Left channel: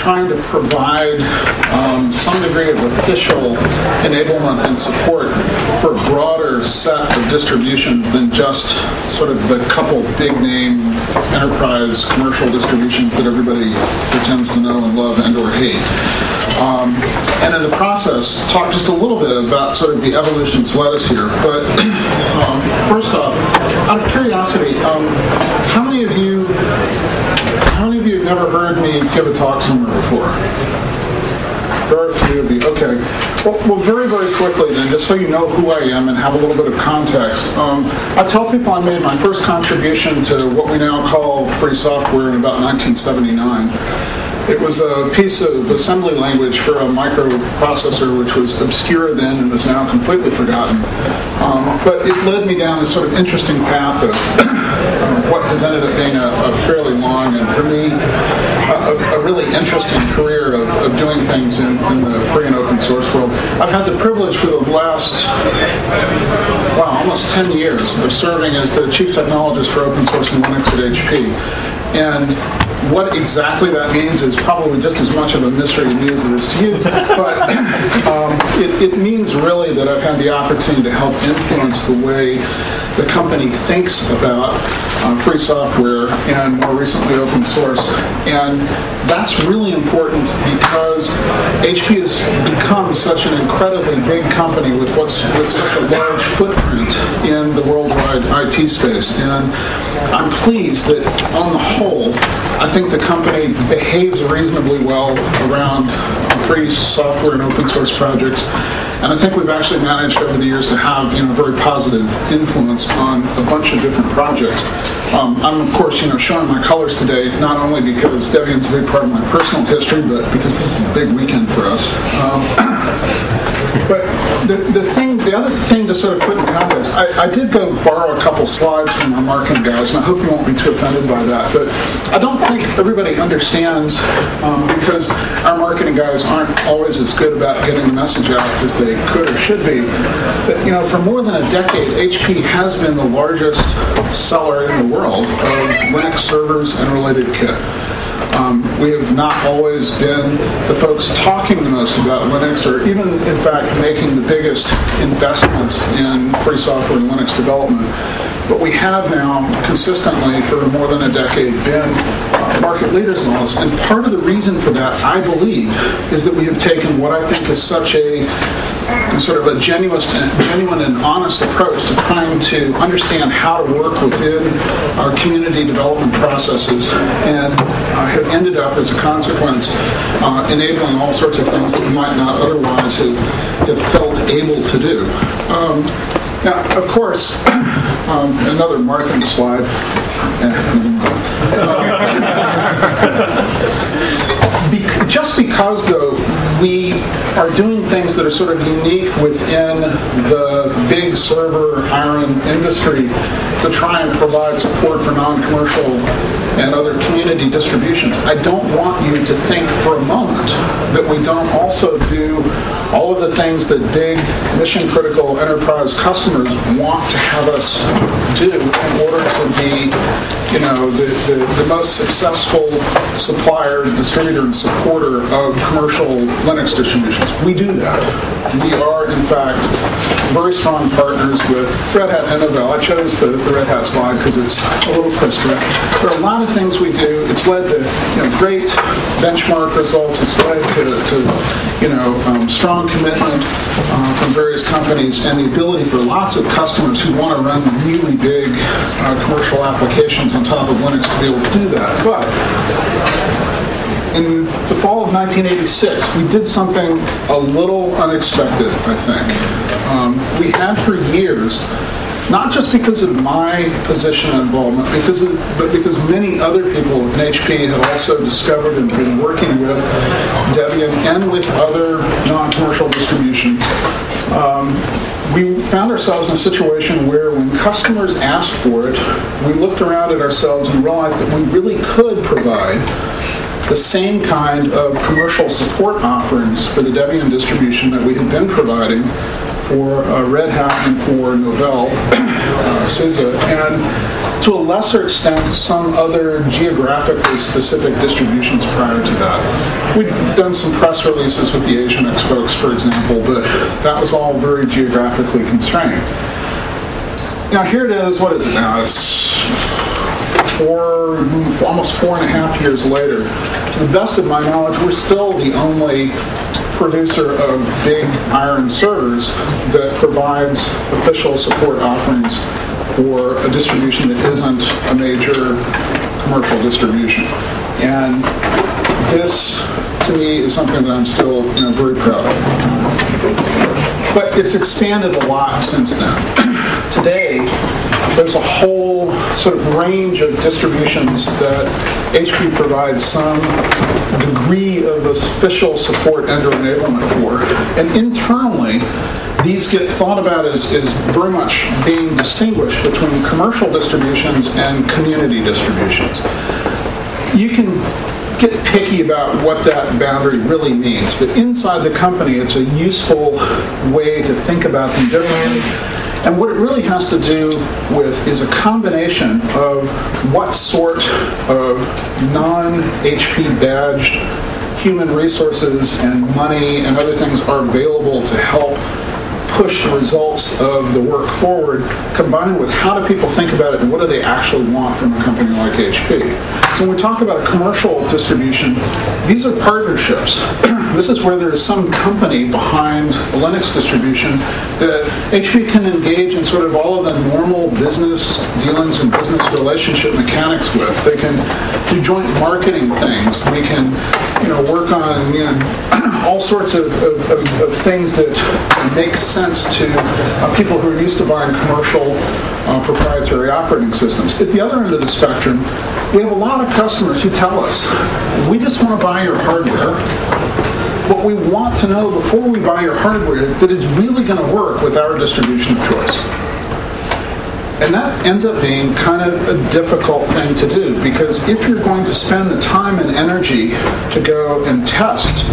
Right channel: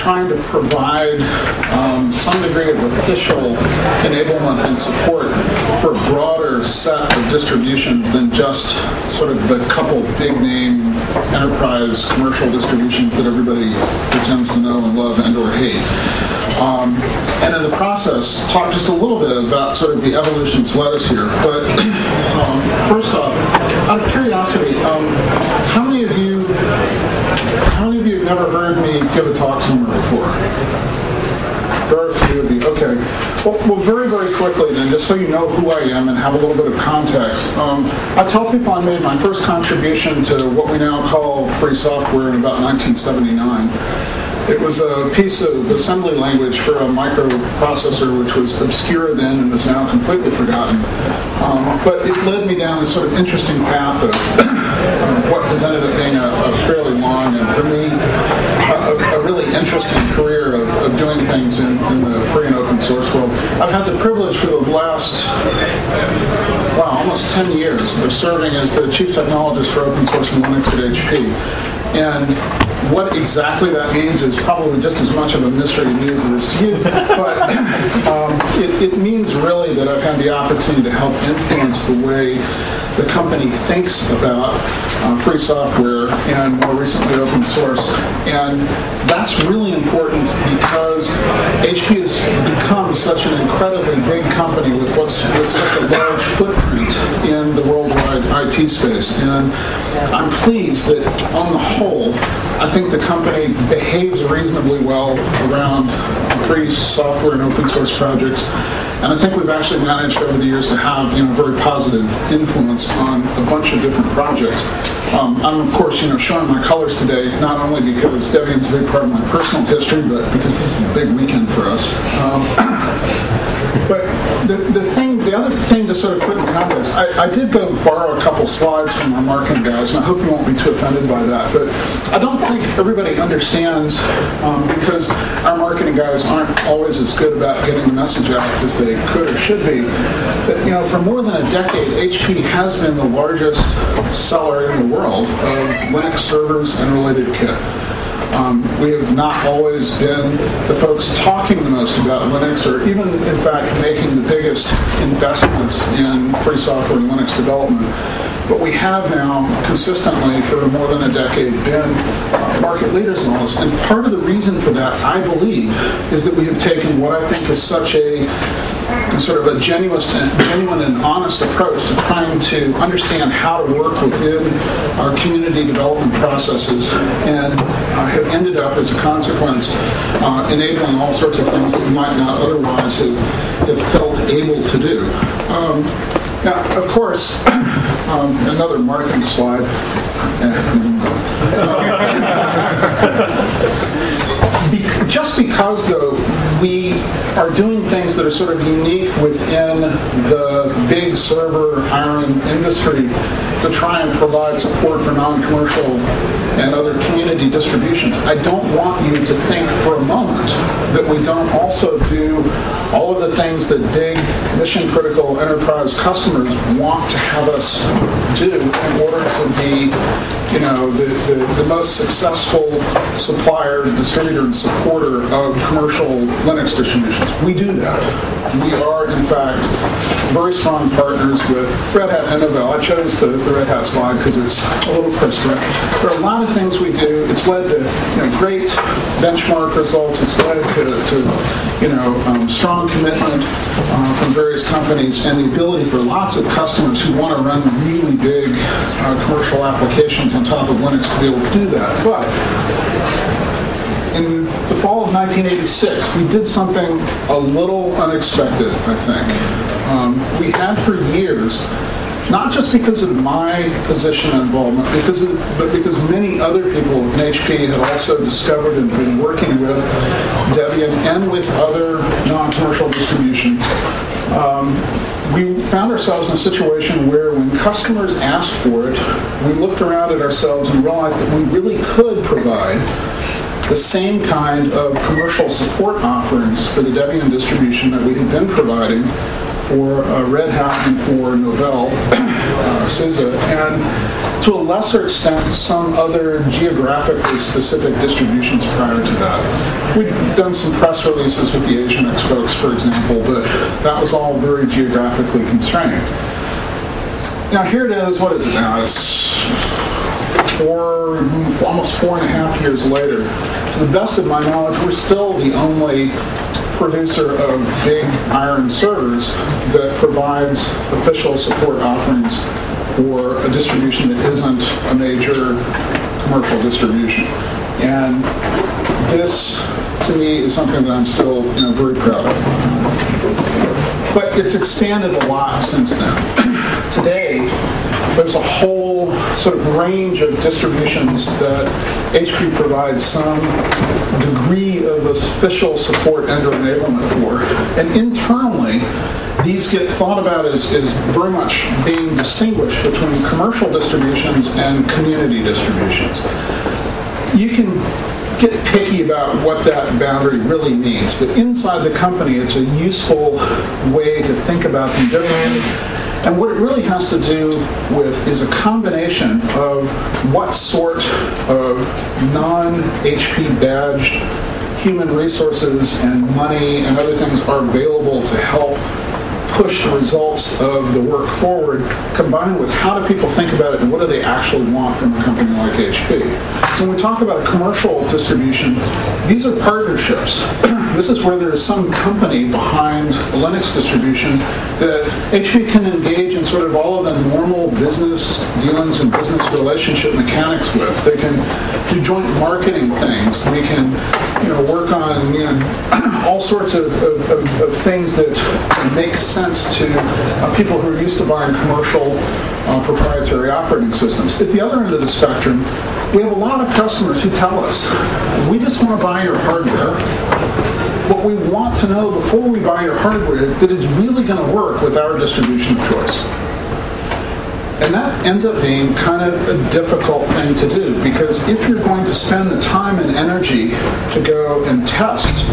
trying to provide some degree of official enablement and support for a broader set of distributions than just sort of the couple big-name enterprise commercial distributions that everybody pretends to know and love and or hate. And in the process, talk just a little bit about sort of the evolution that's led us here. But first off, out of curiosity, how many of you have never heard me give a talk somewhere before? There are a few of you. Okay. Well, very, very quickly then, just so you know who I am and have a little bit of context, I tell people I made my first contribution to what we now call free software in about 1979. It was a piece of assembly language for a microprocessor which was obscure then and is now completely forgotten. But it led me down this sort of interesting path of what has ended up being a fairly long and, for me, a really interesting career of doing things in the free and open source world. I've had the privilege for the last, almost 10 years of serving as the chief technologist for open source and Linux at HP. And what exactly that means is probably just as much of a mystery to me as it is to you, but it means really that I've had the opportunity to help influence the way the company thinks about free software and more recently open source. And that's really important because HP has become such an incredibly big company with such a large footprint in the worldwide IT space. And I'm pleased that on the whole, I think the company behaves reasonably well around free software and open source projects. And I think we've actually managed over the years to have a very positive influence on a bunch of different projects. I'm, of course, showing my colors today, not only because Debian's a big part of my personal history, but because this is a big weekend for us. But the other thing to sort of put in context, I did go borrow a couple slides from our marketing guys, and I hope you won't be too offended by that. But I don't think everybody understands, because our marketing guys aren't always as good about getting the message out as they could or should be, that for more than a decade, HP has been the largest seller in the world of Linux servers and related kit. We have not always been the folks talking the most about Linux, or even, in fact, making the biggest investments in free software and Linux development. But we have now consistently, for more than a decade, been market leaders in all this. And part of the reason for that, I believe, is that we have taken what I think is such a sort of a genuine and honest approach to trying to understand how to work within our community development processes, and have ended up, as a consequence, enabling all sorts of things that we might not otherwise have felt able to do. Now, of course, another marketing slide. Just because, though, we are doing things that are sort of unique within the big server hiring industry to try and provide support for non-commercial and other community distributions, I don't want you to think for a moment that we don't also do all of the things that big mission-critical enterprise customers want to have us do in order to be, the most successful supplier, distributor, and supporter of commercial Linux distributions. We do that. We are, in fact, very strong partners with Red Hat and Novell. I chose the Red Hat slide because it's a little crisper. There are a lot of things we do. It's led to great benchmark results. It's led to strong commitment from various companies, and the ability for lots of customers who want to run really big commercial applications on top of Linux to be able to do that. But in the fall of 1986, we did something a little unexpected, I think. We had for years, not just because of my position and involvement, but because many other people in HP had also discovered and been working with Debian and with other non-commercial distributions. We found ourselves in a situation where when customers asked for it, we looked around at ourselves and realized that we really could provide the same kind of commercial support offerings for the Debian distribution that we had been providing for Red Hat and for Novell SISA, and to a lesser extent, some other geographically specific distributions prior to that. We'd done some press releases with the Asian X folks, for example, but that was all very geographically constrained. Now here it is, what is it now? It's almost 4.5 years later. To the best of my knowledge, we're still the only producer of big iron servers that provides official support offerings for a distribution that isn't a major commercial distribution. And this, to me, is something that I'm still very proud of. But it's expanded a lot since then. Today, there's a whole sort of range of distributions that HP provides some degree of official support and or enablement for. And internally, these get thought about as very much being distinguished between commercial distributions and community distributions. You can get picky about what that boundary really means, but inside the company, it's a useful way to think about them differently. And what it really has to do with is a combination of what sort of non-HP badged human resources and money and other things are available to help push the results of the work forward, combined with how do people think about it and what do they actually want from a company like HP. So when we talk about a commercial distribution, these are partnerships. This is where there is some company behind a Linux distribution that HP can engage in sort of all of the normal business dealings and business relationship mechanics with. They can do joint marketing things. We can work on all sorts of things that make sense to people who are used to buying commercial proprietary operating systems. At the other end of the spectrum, we have a lot of customers who tell us, we just want to buy your hardware, but we want to know before we buy your hardware that it's really going to work with our distribution of choice. And that ends up being kind of a difficult thing to do, because if you're going to spend the time and energy to go and test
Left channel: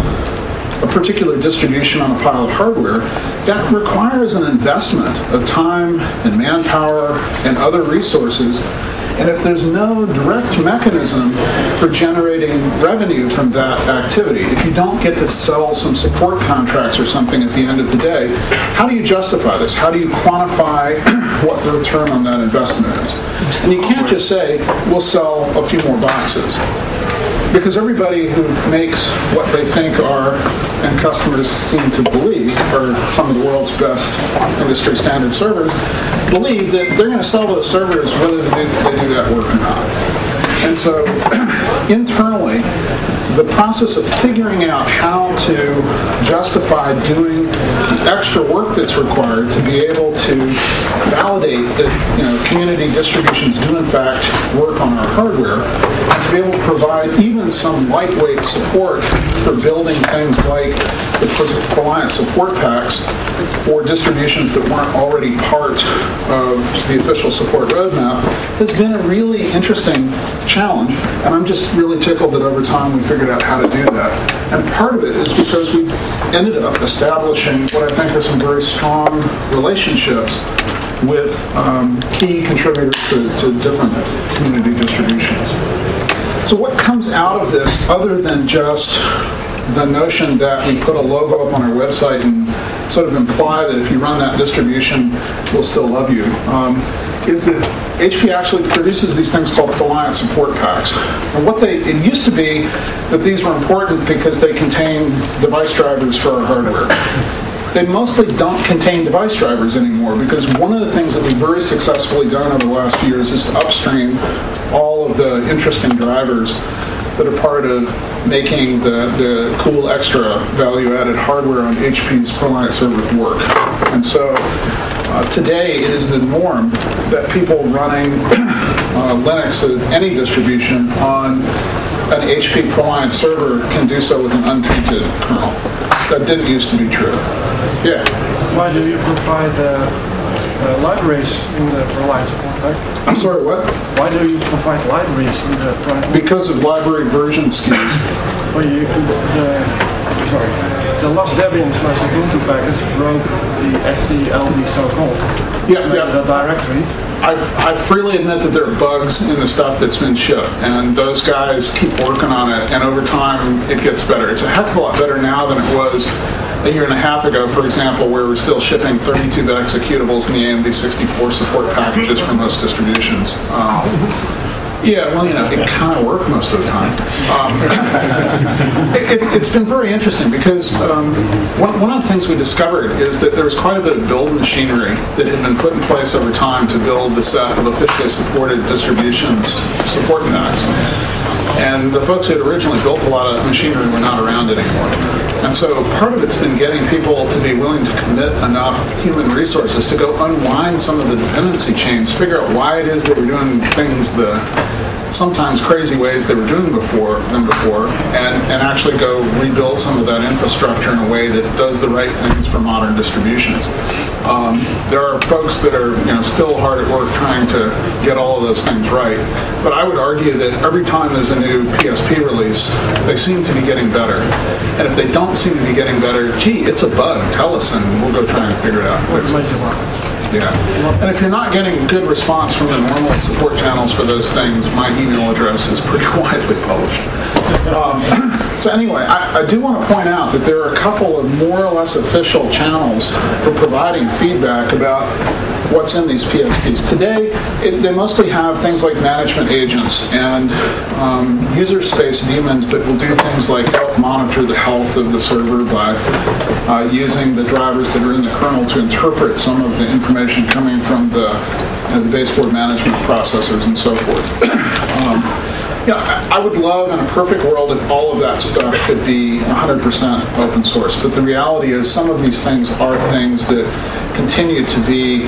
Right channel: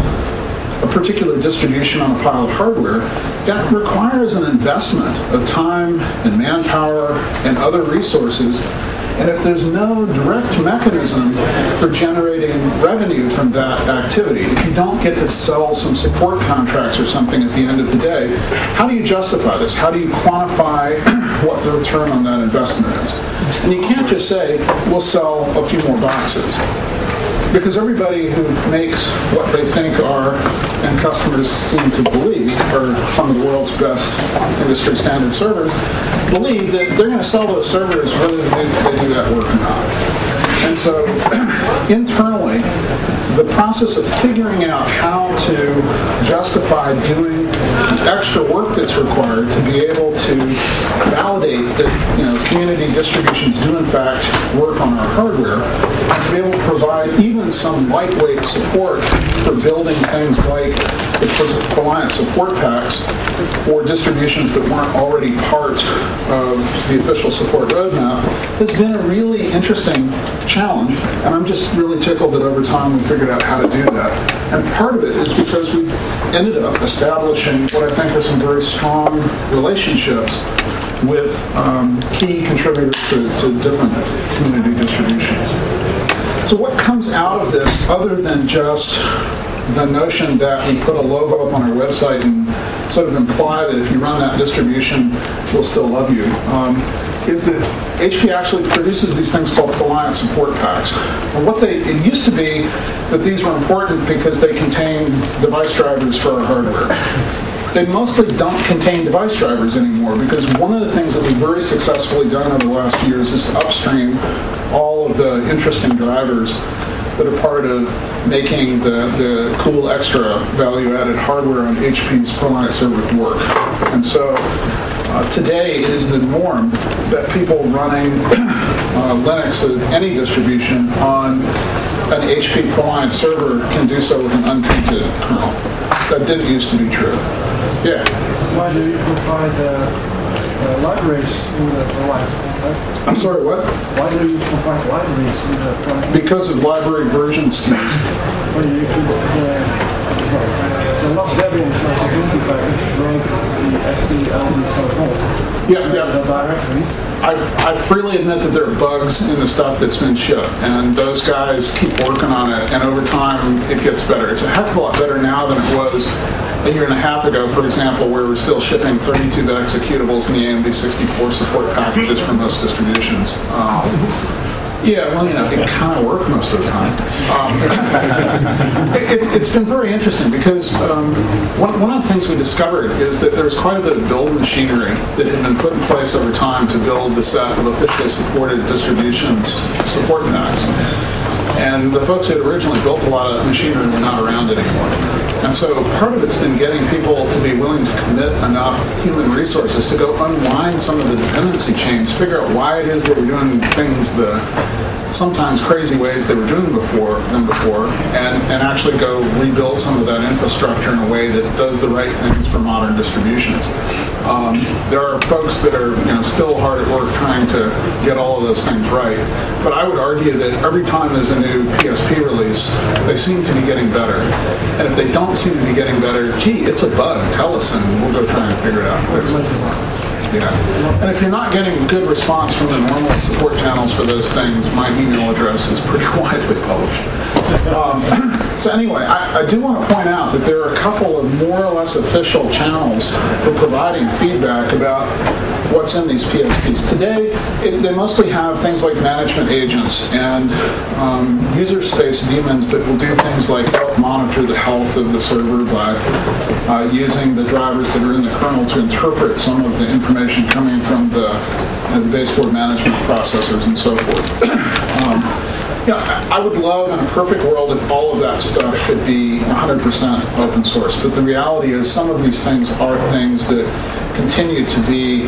a particular distribution on a pile of hardware, that requires an investment of time and manpower and other resources. And if there's no direct mechanism for generating revenue from that activity, if you don't get to sell some support contracts or something at the end of the day, how do you justify this? How do you quantify what the return on that investment is? And you can't just say, we'll sell a few more boxes. Because everybody who makes what they think are, and customers seem to believe, are some of the world's best industry standard servers, believe that they're going to sell those servers whether they do that work or not. And so internally, the process of figuring out how to justify doing the extra work that's required to be able to validate that community distributions do in fact work on our hardware, and to be able to provide even some lightweight support for building things like the client support packs for distributions that weren't already part of the official support roadmap has been a really interesting challenge, and I'm just really tickled that over time we figured out how to do that. And part of it is because we ended up establishing what I think are some very strong relationships with key contributors to different community distributions. So what comes out of this, other than just the notion that we put a logo up on our website and sort of imply that if you run that distribution, we'll still love you, is that HP actually produces these things called client support packs. And it used to be that these were important because they contain device drivers for our hardware. They mostly don't contain device drivers anymore, because one of the things that we've very successfully done over the last few years is to upstream all of the interesting drivers that are part of making the cool extra value-added hardware on HP's client servers work. And so today it is the norm that people running Linux of any distribution on an HP client server can do so with an untainted kernel. That didn't used to be true. Yeah? Why do you provide libraries in the client support pack? I'm sorry, what? Why do you provide libraries in the client? Because of library version schemes. Well, you could, sorry. the last Debian / Ubuntu package broke the SCLD so-called the directory. I freely admit that there are bugs in the stuff that's been shipped, and those guys keep working on it, and over time it gets better. It's a heck of a lot better now than it was a year and a half ago, for example, where we're still shipping 32-bit executables in the AMD 64 support packages for most distributions. Yeah, well, it kind of worked most of the time. It's been very interesting because one of the things we discovered is that there was quite a bit of build machinery that had been put in place over time to build the set of officially supported distributions supporting Macs. And the folks who had originally built a lot of machinery were not around anymore. And so part of it's been getting people to be willing to commit enough human resources to go unwind some of the dependency chains, figure out why it is that we're doing things the sometimes crazy ways they were doing before, and actually go rebuild some of that infrastructure in a way that does the right things for modern distributions. There are folks that are still hard at work trying to get all of those things right, but I would argue that every time there's a new PSP release, they seem to be getting better. And if they don't seem to be getting better, gee, it's a bug, tell us, and we'll go try and figure it out and fix it. Yeah. And if you're not getting good response from the normal support channels for those things, my email address is pretty widely published. So anyway, I do want to point out that there are a couple of more or less official channels for providing feedback about what's in these PSPs. Today, they mostly have things like management agents and user space daemons that will do things like help monitor the health of the server by using the drivers that are in the kernel to interpret some of the information coming from the baseboard management processors and so forth. I would love in a perfect world if all of that stuff could be 100% open source, but the reality is some of these things are things that continue to be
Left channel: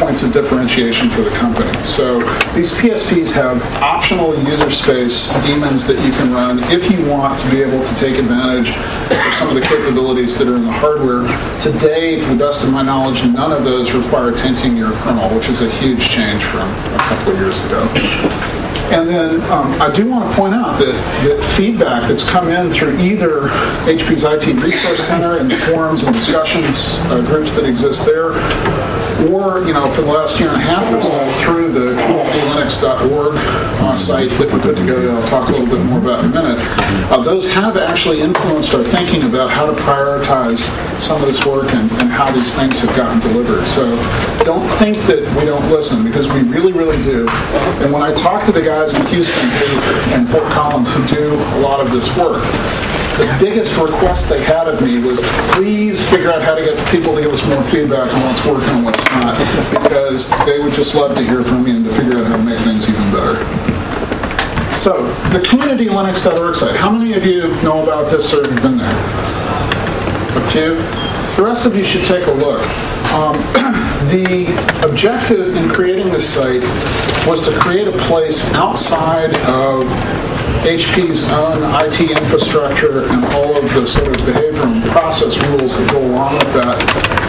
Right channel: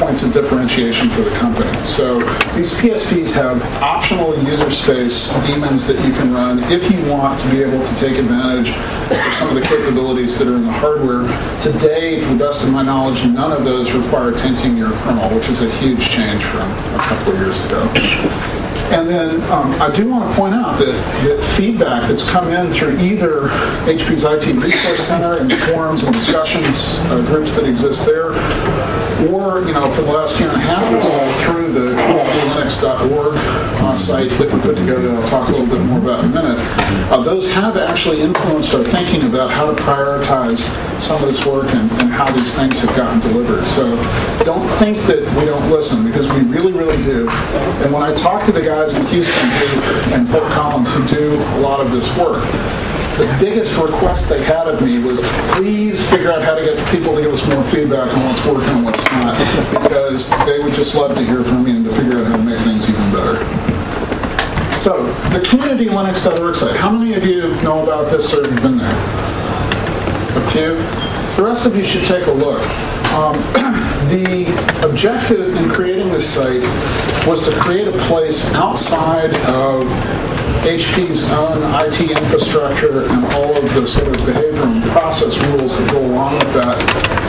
points of differentiation for the company. So these PSPs have optional user space daemons that you can run if you want to be able to take advantage of some of the capabilities that are in the hardware. Today, to the best of my knowledge, none of those require tinting your kernel, which is a huge change from a couple of years ago. And then I do want to point out that feedback that's come in through either HP's IT Resource Center and the forums and discussions groups that exist there, or for the last year and a half or so through the linux.org site that we put together that I'll talk a little bit more about in a minute, those have actually influenced our thinking about how to prioritize some of this work and how these things have gotten delivered. So don't think that we don't listen, because we really, really do. And when I talk to the guys in Houston and Fort Collins who do a lot of this work, the biggest request they had of me was, please figure out how to get people to give us more feedback on what's working and what's not, because they would just love to hear from me and to figure out how to make things even better. So, the community Linux.org site. How many of you know about this or have been there? A few? The rest of you should take a look. The objective in creating this site was to create a place outside of HP's own IT infrastructure and all of the sort of behavior and process rules that go along with that,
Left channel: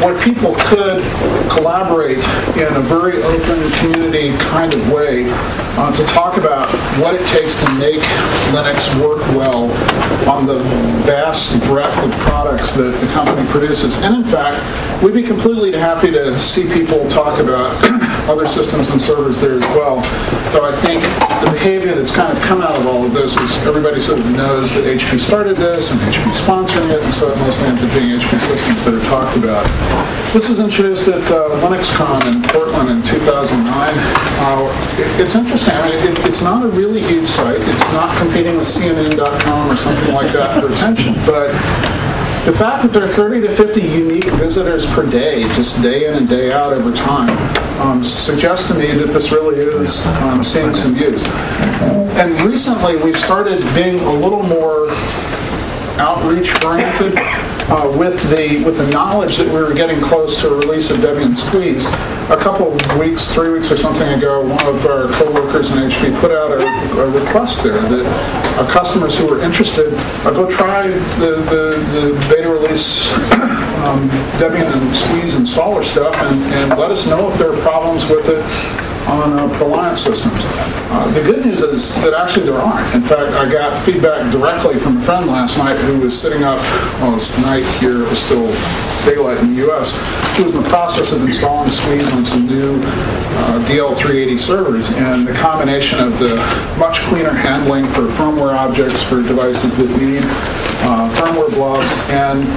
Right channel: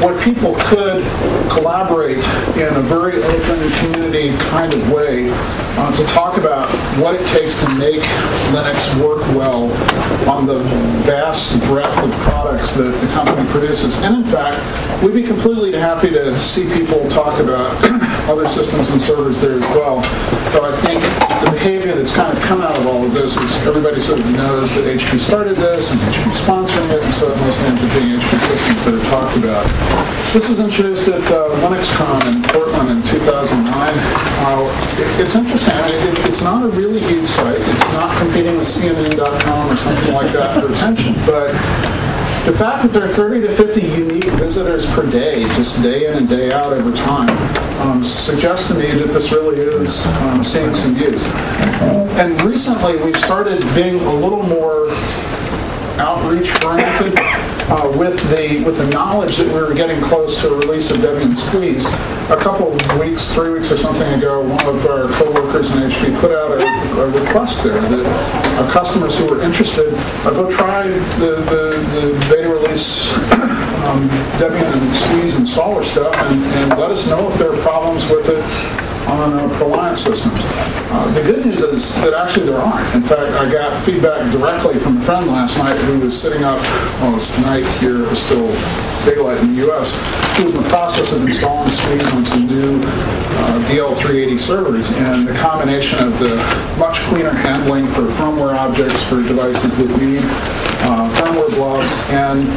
where people could collaborate in a very open community kind of way to talk about what it takes to make Linux work well on the vast breadth of products that the company produces. And in fact, we'd be completely happy to see people talk about other systems and servers there as well. So I think the behavior that's kind of come out of all of this is everybody sort of knows that HP started this and HP sponsoring it, and so it mostly ends up being HP systems that are talked about. This was introduced at LinuxCon in Portland in 2009. It's interesting. I mean, it's not a really huge site. It's not competing with CNN.com or something like that for attention, but the fact that there are 30 to 50 unique visitors per day, just day in and day out over time, suggests to me that this really is seeing some use. And recently we've started being a little more outreach-oriented with the knowledge that we were getting close to a release of Debian Squeeze. A couple of weeks, 3 weeks or something ago, one of our co-workers in HP put out a request there that customers who were interested go try the beta release Debian and Squeeze installer stuff and let us know if there are problems with it. on Reliance systems. The good news is that actually there aren't. In fact, I got feedback directly from a friend last night who was sitting up, well, it's night here, it was still daylight in the U.S., who was in the process of installing Squeeze on some new DL380 servers, and the combination of the much cleaner handling for firmware objects for devices that need firmware blobs, and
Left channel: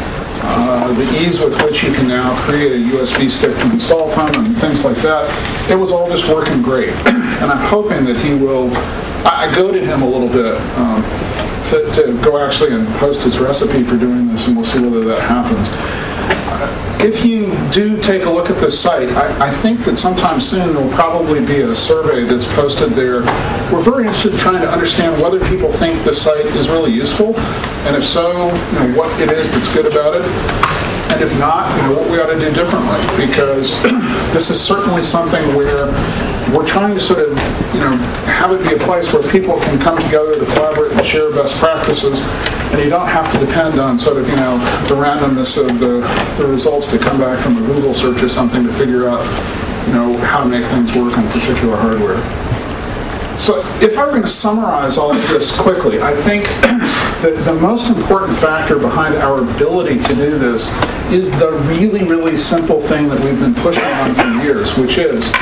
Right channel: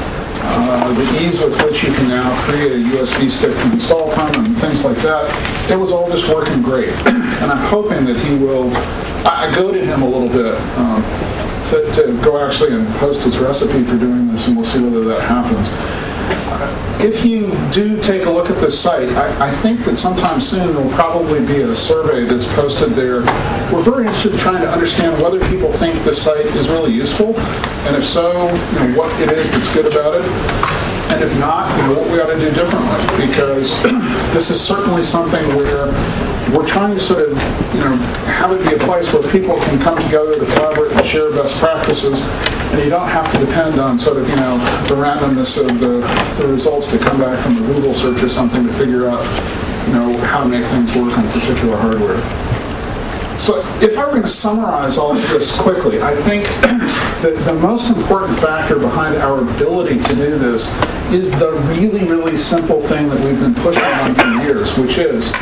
the ease with which you can now create a USB stick to install from and things like that, it was all just working great. And I'm hoping that he will, I goaded him a little bit to go actually and post his recipe for doing this, and we'll see whether that happens. If you do take a look at this site, I think that sometime soon there will probably be a survey that's posted there. We're very interested in trying to understand whether people think this site is really useful, and if so, what it is that's good about it, and if not, what we ought to do differently, because this is certainly something where we're trying to sort of, have it be a place where people can come together to collaborate and share best practices, and you don't have to depend on sort of, the randomness of the results that come back from a Google search or something to figure out, how to make things work on particular hardware. So if I were going to summarize all of this quickly, I think that the most important factor behind our ability to do this is the really, really simple thing that we've been pushing on for years, which is,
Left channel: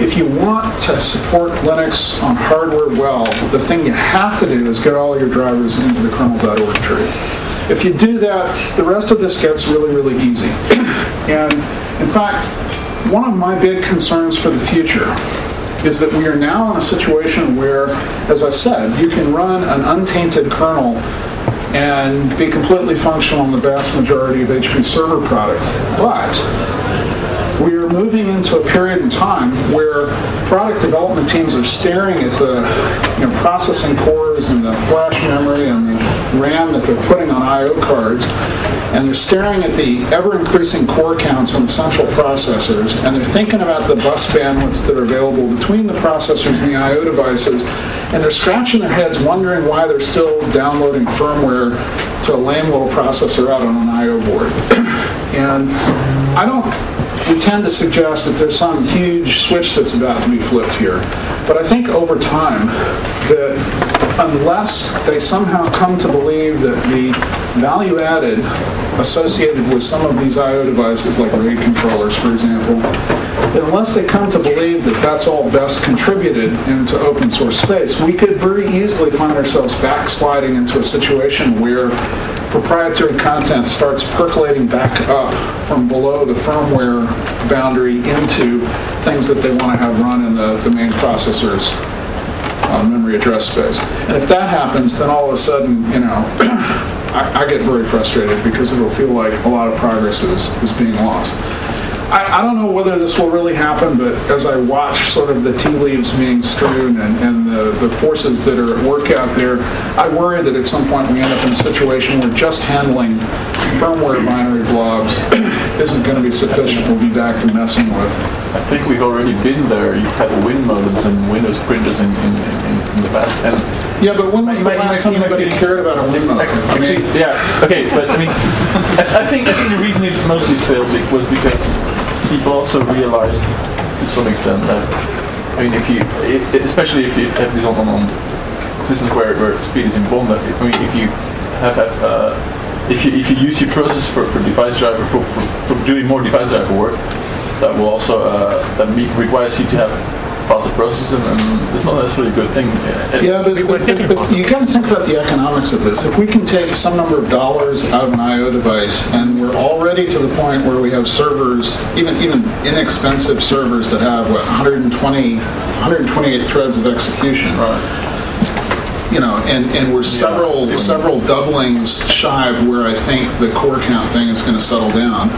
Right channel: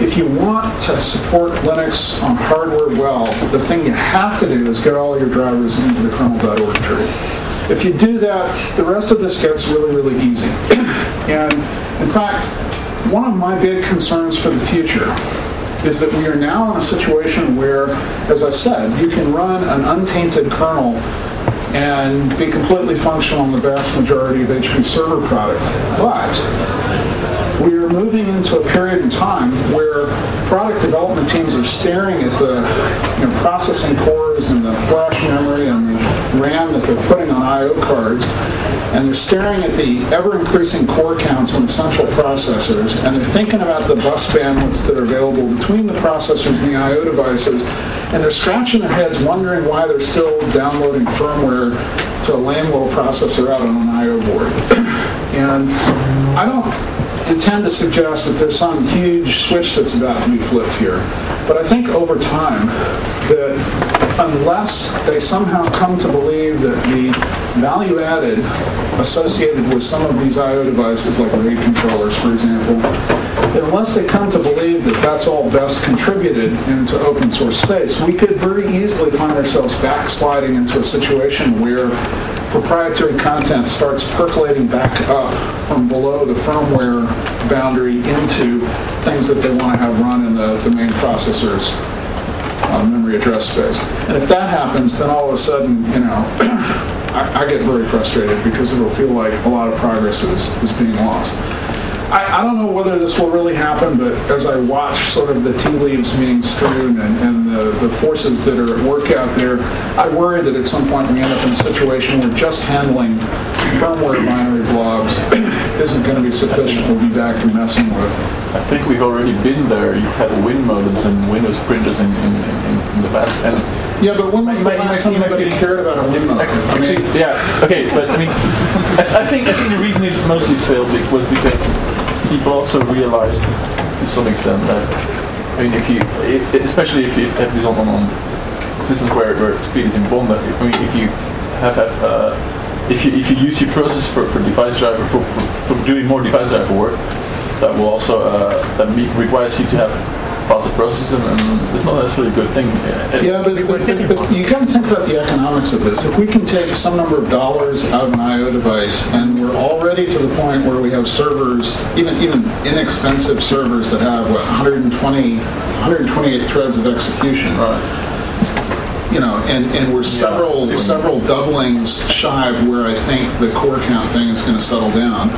if you want to support Linux on hardware well, the thing you have to do is get all your drivers into the kernel.org tree. If you do that, the rest of this gets really, really easy. And in fact, one of my big concerns for the future is that we are now in a situation where, as I said, you can run an untainted kernel and be completely functional in the vast majority of HP server products. But we are moving into a period in time where product development teams are staring at the processing cores and the flash memory and the RAM that they're putting on I/O cards, and they're staring at the ever-increasing core counts on the central processors, and they're thinking about the bus bandwidths that are available between the processors and the I/O devices, and they're scratching their heads wondering why they're still downloading firmware to a lame little processor out on an I/O board. And I don't tend to suggest that there's some huge switch that's about to be flipped here. But I think over time that unless they somehow come to believe that the value added associated with some of these I/O devices, like RAID controllers, for example, unless they come to believe that that's all best contributed into open source space, we could very easily find ourselves backsliding into a situation where proprietary content starts percolating back up from below the firmware boundary into things that they want to have run in the main processor's memory address space. And if that happens, then all of a sudden, I get very frustrated because it'll feel like a lot of progress is being lost. I don't know whether this will really happen, but as I watch sort of the tea leaves being strewn and the forces that are at work out there, I worry that at some point we end up in a situation where just handling firmware binary blobs isn't going to be sufficient. We'll be back to messing with. I think we've already been there. You've had Win modems and Windows printers in the past. And yeah, but when was the last time anybody cared about a Win modem? Actually, yeah, okay, but I think the reason it mostly failed was because people also realized to some extent that, especially if you have this on systems where speed is important, if you if you use your process for device driver for doing more device driver work, that will also requires you to have faster processing, and it's not necessarily a good thing. Yeah, but you got to think about the economics of this. If we can take some number of dollars out of an I/O device, and we're already to the point where we have servers, even inexpensive servers that have 128 threads of execution. Right. And we're several doublings shy of where I think the core count thing is going to settle down.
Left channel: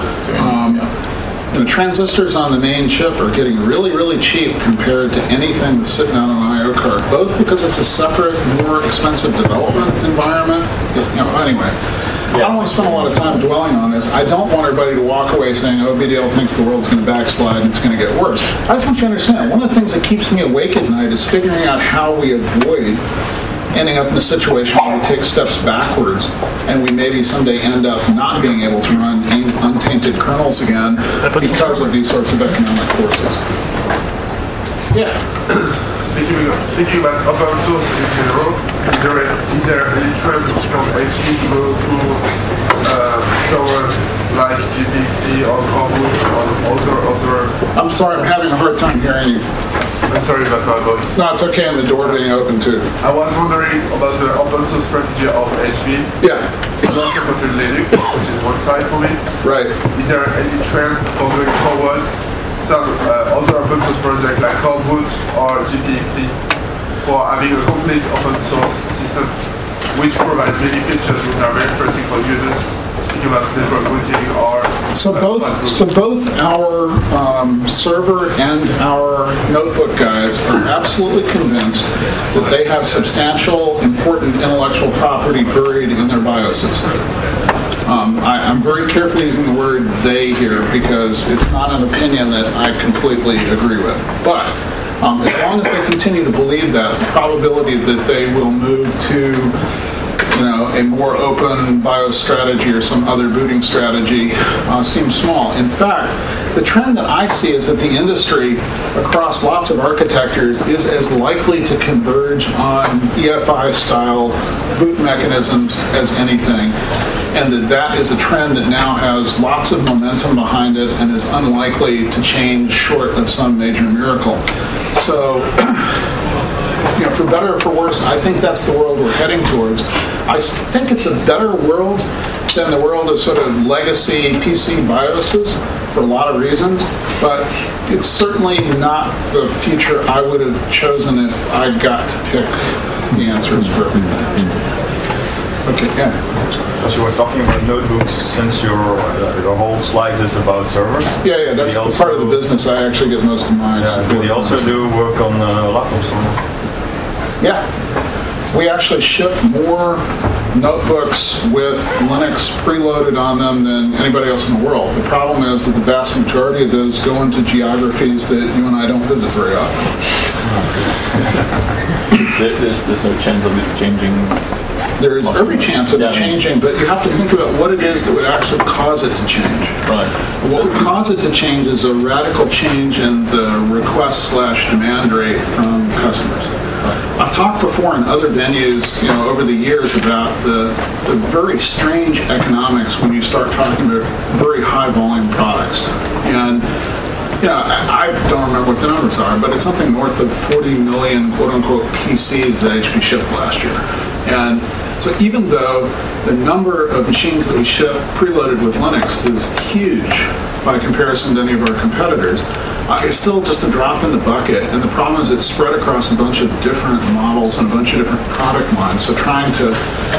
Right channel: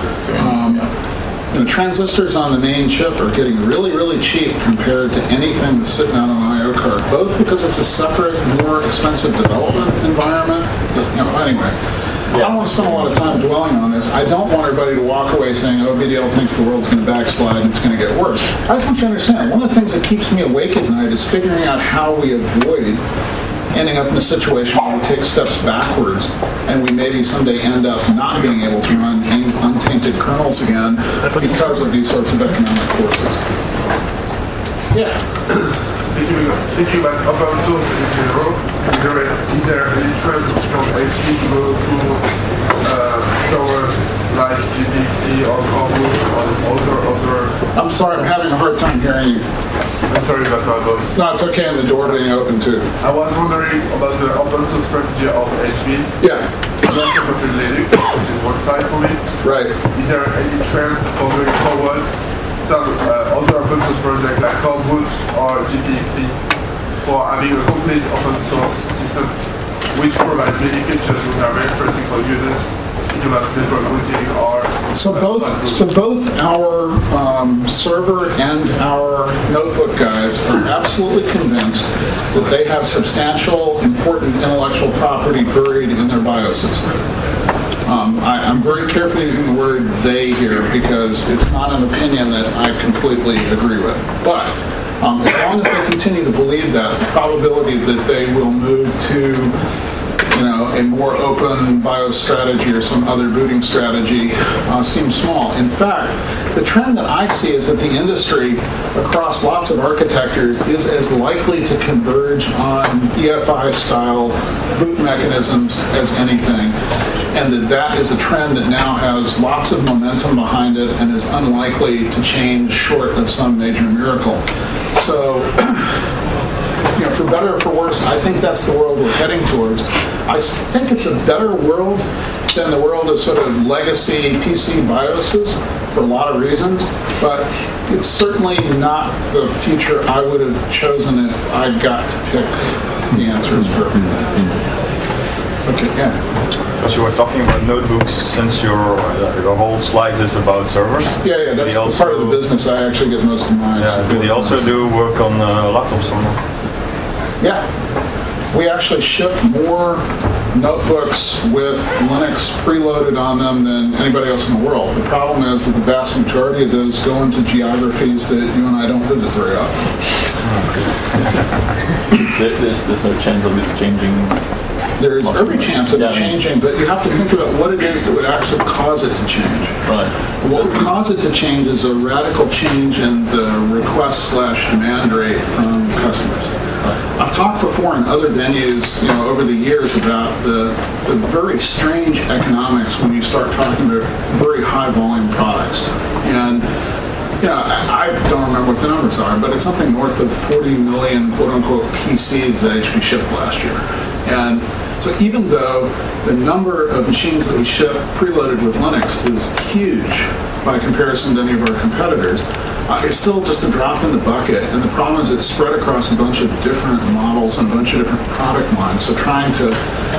Transistors on the main chip are getting really, really cheap compared to anything that's sitting out on an I/O card, both because it's a separate, more expensive development environment. Anyway, I don't want to spend a lot of time dwelling on this. I don't want everybody to walk away saying, oh, Bdale thinks the world's going to backslide and it's going to get worse. I just want you to understand, one of the things that keeps me awake at night is figuring out how we avoid ending up in a situation where we take steps backwards and we maybe someday end up not being able to run untainted kernels again because of these sorts of economic forces. Yeah. Speaking about open source in general, is there any trend from HP to go to toward like GPC or Garbee or other? I'm sorry, I'm having a hard time hearing you. I'm sorry about my voice. No, it's okay, and the door being open too. I was wondering about the open source strategy of HP. Yeah. And also for the Linux, which is one side for me. Right. Is there any trend going forward? Some other open source projects like Garbee or GPXC for having a complete open source system which provides many features which are very interesting for users. Think about network routing or So both our server and our notebook guys are absolutely convinced that they have substantial, important intellectual property buried in their BIOSes. I'm very carefully using the word "they" here because it's not an opinion that I completely agree with. But as long as they continue to believe that, the probability that they will move to a more open BIOS strategy or some other booting strategy seems small. In fact, the trend that I see is that the industry across lots of architectures is as likely to converge on EFI-style boot mechanisms as anything, and that is a trend that now has lots of momentum behind it and is unlikely to change short of some major miracle. So, for better or for worse, I think that's the world we're heading towards. I think it's a better world than the world of sort of legacy PC BIOSes for a lot of reasons, but it's certainly not the future I would have chosen if I got to pick the answers for everything. Okay, yeah. Because you were talking about notebooks, since your whole slide is about servers. Yeah, that's the part of the business I actually get most of mine. Yeah, do they also do work on laptops or not? Yeah. We actually ship more notebooks with Linux preloaded on them than anybody else in the world. The problem is that the vast majority of those go into geographies that you and I don't visit very often. There's no chance of this changing. There is every chance of it changing, but you have to think about what it is that would actually cause it to change. Right. What would cause it to change is a radical change in the request/demand rate from customers. I've talked before in other venues, over the years about the very strange economics when you start talking about very high volume products. And I don't remember what the numbers are, but it's something north of 40 million quote-unquote PCs that HP shipped last year. And so even though the number of machines that we ship preloaded with Linux is huge by comparison to any of our competitors, it's still just a drop in the bucket. And the problem is it's spread across a bunch of different models and a bunch of different product lines. So trying to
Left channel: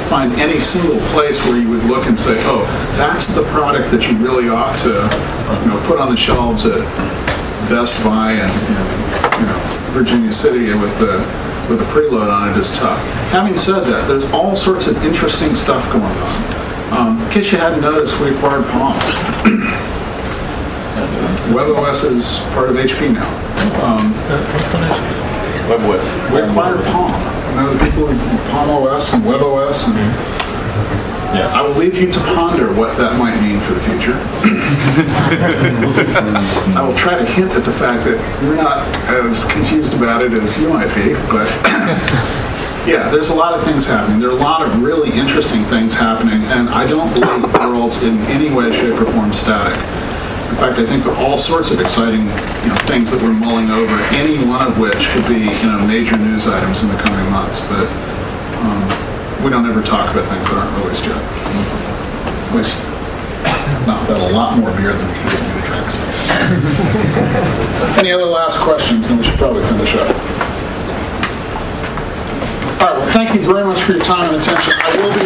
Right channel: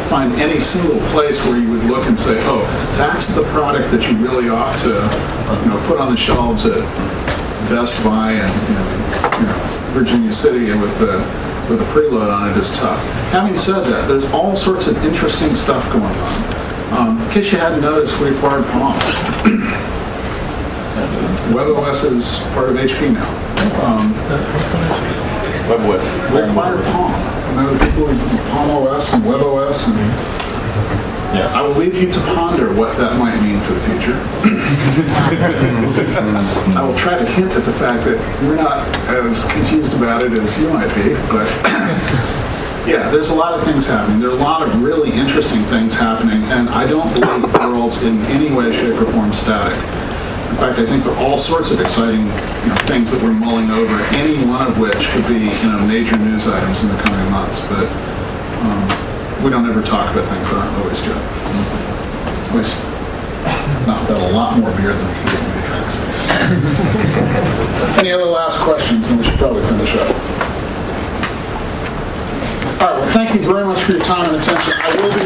find any single place where you would look and say, oh, that's the product that you really ought to put on the shelves at Best Buy and Virginia City with a preload on it is tough. Having said that, there's all sorts of interesting stuff going on. In case you hadn't noticed, we acquired Palm. WebOS is part of HP now. WebOS. We acquired Palm. I know the people with Palm OS and WebOS, and I will leave you to ponder what that might mean for the future. I will try to hint at the fact that you're not as confused about it as you might be, but there's a lot of things happening. There are a lot of really interesting things happening, and I don't believe the world's in any way, shape, or form static. In fact, I think there are all sorts of exciting things that we're mulling over, any one of which could be major news items in the coming months. But we don't ever talk about things that aren't always good. At least not that a lot more beer than we can get me to drink. So. Any other last questions? Then we should probably finish up. All right, well, thank you very much for your time and attention. I will be